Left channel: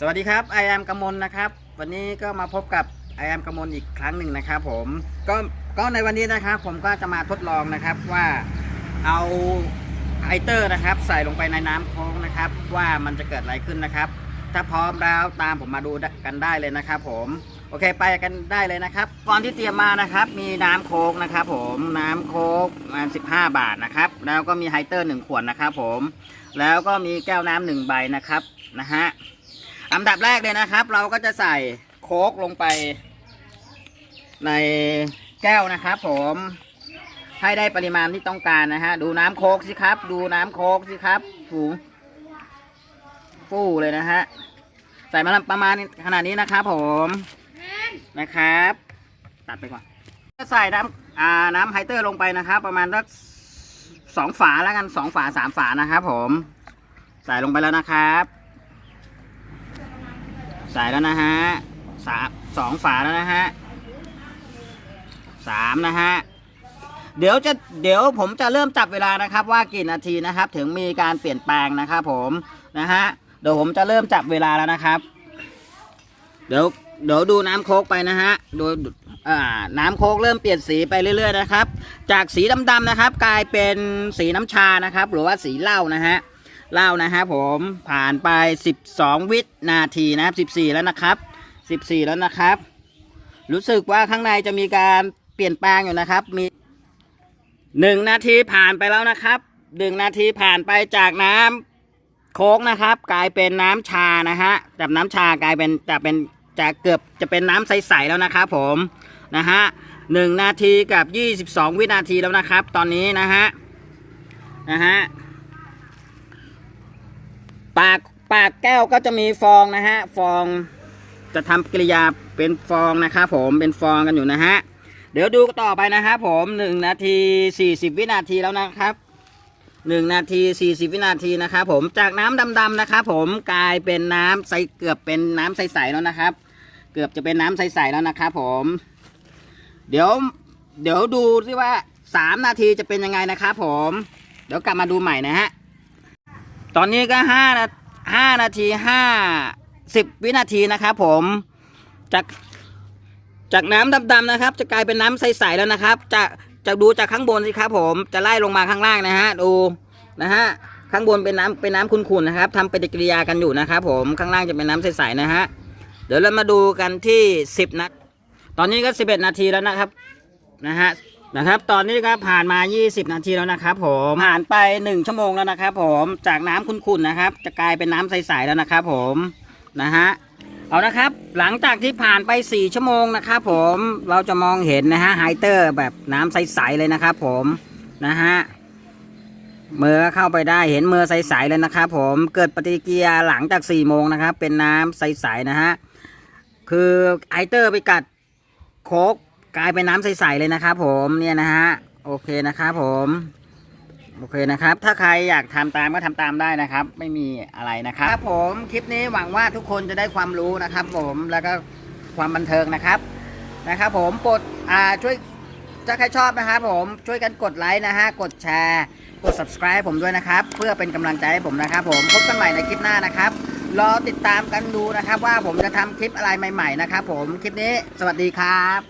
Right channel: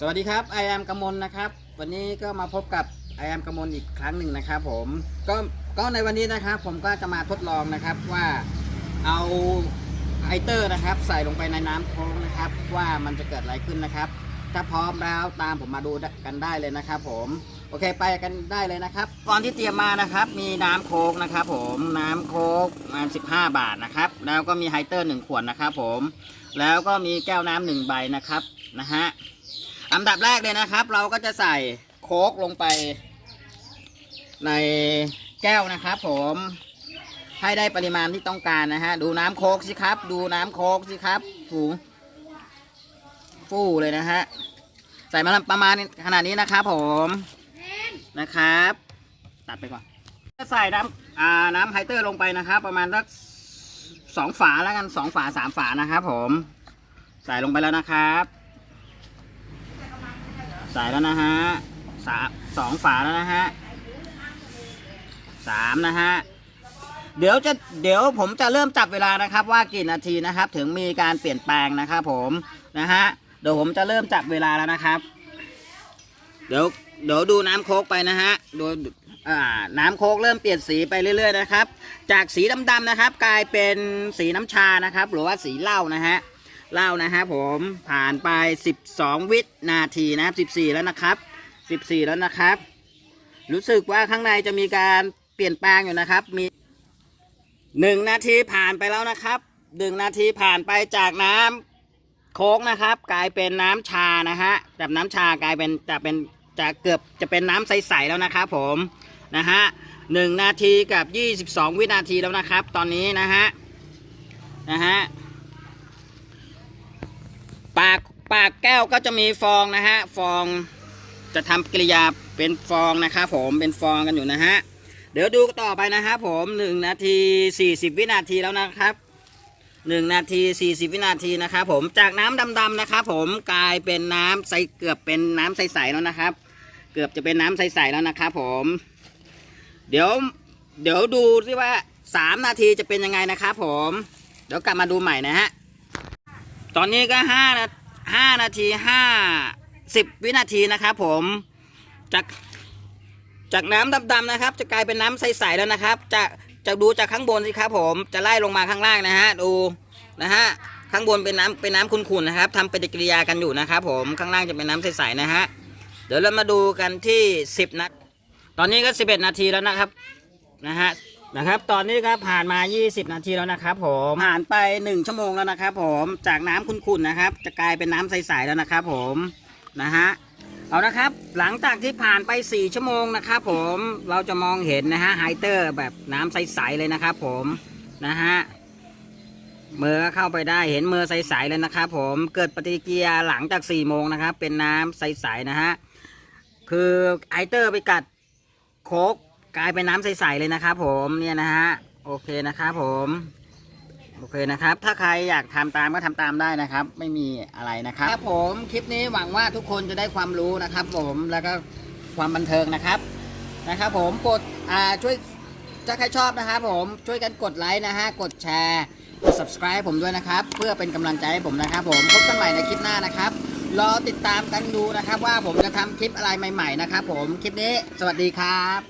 สวัสดีครับไอแอมกมลนะครับ วันนี้ก็มาพบกับไอแอมกมลอีกครั้งหนึ่งนะครับผมก็ก็ในวันนี้นะครับ ผมก็จะมาทดลองนะครับว่าเอาไอเตอร์นะครับ ใส่ลงไปในน้ำโค้งนะครับ ว่ามันจะเกิดอะไรขึ้นนะครับ ถ้าพร้อมแล้วตามผมมาดูกันได้เลยนะครับ ผม เคไปกันได้เลยนะครับก่อนที่เตรียมมานะครับ มีน้ำโค้กนะครับ ผมน้ำโค้กประมาณ15บาทนะครับ แล้วก็มีไฮเตอร์1ขวดนะครับ ผม แล้วก็มีแก้วน้ำหนึ่งใบนะครับนะฮะอันดับแรกเลยนะครับ เราก็จะใส่โค้กลงไป ในแก้วนะครับ ผมให้ได้ปริมาณที่ต้องการนะฮะ ดูน้ำโค้กสิครับ ดูน้ำโค้กสิครับฟูฟู่เลยนะฮะ ใส่มาประมาณขนาดนี้นะครับผม นะครับ ตัดไปก่อนจะใส่น้ำอ่าน้ำไฮเตอร์ลงไปนะครับ ประมาณสักสองฝาแล้วกันสองฝาสามฝานะครับ ผม ใส่ลงไปแล้วนะครับ ใส่แล้วนะฮะสามสองฝาแล้วนะฮะสามนะฮะเดี๋ยวจะเดี๋ยวผมจะเริ่มจับเวลานะครับ ว่ากี่นาทีนะครับ ถึงมีการเปลี่ยนแปลงนะครับ ผมนะฮะเดี๋ยวผมจะเริ่มจับเวลาแล้วนะครับ เดี๋ยว เดี๋ยวดูน้ำโคกไปนะฮะโดยน้ำโคกเริ่มเปลี่ยนสีไปเรื่อย ๆ นะครับ จากสีดำๆนะครับ กลายเป็นสีน้ำชานะครับ หรือว่าสีเหล้านะฮะเล่านะฮะผมผ่านไป 12 วินาทีนะครับ14 แล้วนะครับ 14 แล้วนะครับ รู้สึกว่าข้างในจะมีการเปลี่ยนแปลงอยู่นะครับ มี 1 นาทีผ่านไปแล้วนะครับ1นาทีผ่านไปจากน้ำโค้กนะครับ กลายเป็นน้ำชานะฮะจากน้ำชากลายเป็นจะเป็น จะเกือบจะเป็นน้ำใสๆแล้วนะครับผมนะฮะหนึ่งนาทีกับ 22 วินาทีแล้วนะครับ ตอนนี้นะฮะนะฮะปากปากแก้วก็จะมีฟองนะฮะฟองจะทำกิริยาเป็นฟองนะครับผมเป็นฟองกันอยู่นะฮะเดี๋ยวดูต่อไปนะครับผมหนึ่งนาทีสี่สิบวินาทีแล้วนะครับหนึ่งนาทีสี่สิบวินาทีนะครับผมจากน้ำดำๆนะครับผมกลายเป็นน้ำใสเกือบเป็นน้ำใสๆแล้วนะครับ เกือบจะเป็นน้ำใสๆแล้วนะครับผม เดี๋ยว เดี๋ยวดูสิว่าสามนาทีจะเป็นยังไงนะครับผม เดี๋ยวกลับมาดูใหม่นะฮะ ตอนนี้ก็ห้านาห้านาทีห้าสิบวินาทีนะครับผม จากจากน้ำดำๆนะครับ จะกลายเป็นน้ำใสๆแล้วนะครับ จะจะดูจากข้างบนสิครับผม จะไล่ลงมาข้างล่างนะฮะ ดูนะฮะข้างบนเป็นน้ำเป็นน้ำขุ่นๆนะครับทำปฏิกิริยากันอยู่นะครับผมข้างล่างจะเป็นน้ำใสๆนะฮะ เดี๋ยวเรามาดูกันที่สิบนะตอนนี้ก็สิบเอ็ดนาทีแล้วนะครับนะฮะนะครับ ตอนนี้ครับผ่านมา 20 นาทีแล้วนะครับผมผ่านไป 1 ชั่วโมงแล้วนะครับ ผมจากน้ำขุ่นๆนะครับ จะกลายเป็นน้ำใสๆแล้วนะครับ ผมนะฮะเอานะครับ หลังจากที่ผ่านไป 4 ชั่วโมงนะครับ ผมเราจะมองเห็นนะฮะไฮเตอร์แบบน้ำใสๆเลยนะครับ ผมนะฮะเมื่อเข้าไปได้เห็นเมื่อใสๆเลยนะครับ ผมเกิดปฏิกิริยาหลังจาก 4 โมงนะครับ เป็นน้ำใสๆนะฮะ คือไฮเตอร์ไปกัดโคกกลายเป็นน้ำใสๆเลยนะครับผมเนี่ยนะฮะโอเคนะครับผมโอเคนะครับ ถ้าใครอยากทำตามก็ทำตามได้นะครับ ไม่มีอะไรนะครับครับผมคลิปนี้หวังว่าทุกคนจะได้ความรู้นะครับ ผมแล้วก็ความบันเทิงนะครับนะครับ ผมกดอ่าช่วยถ้าใครชอบนะครับผมช่วยกันกดไลค์นะฮะกดแชร์กด subscribe ผมด้วยนะครับ เพื่อเป็นกำลังใจให้ผมนะครับ ผมพบกันใหม่ในคลิปหน้านะครับ รอติดตามกันดูนะครับ ว่าผมจะทำคลิปอะไรใหม่ ๆ นะครับผม คลิปนี้สวัสดีครับ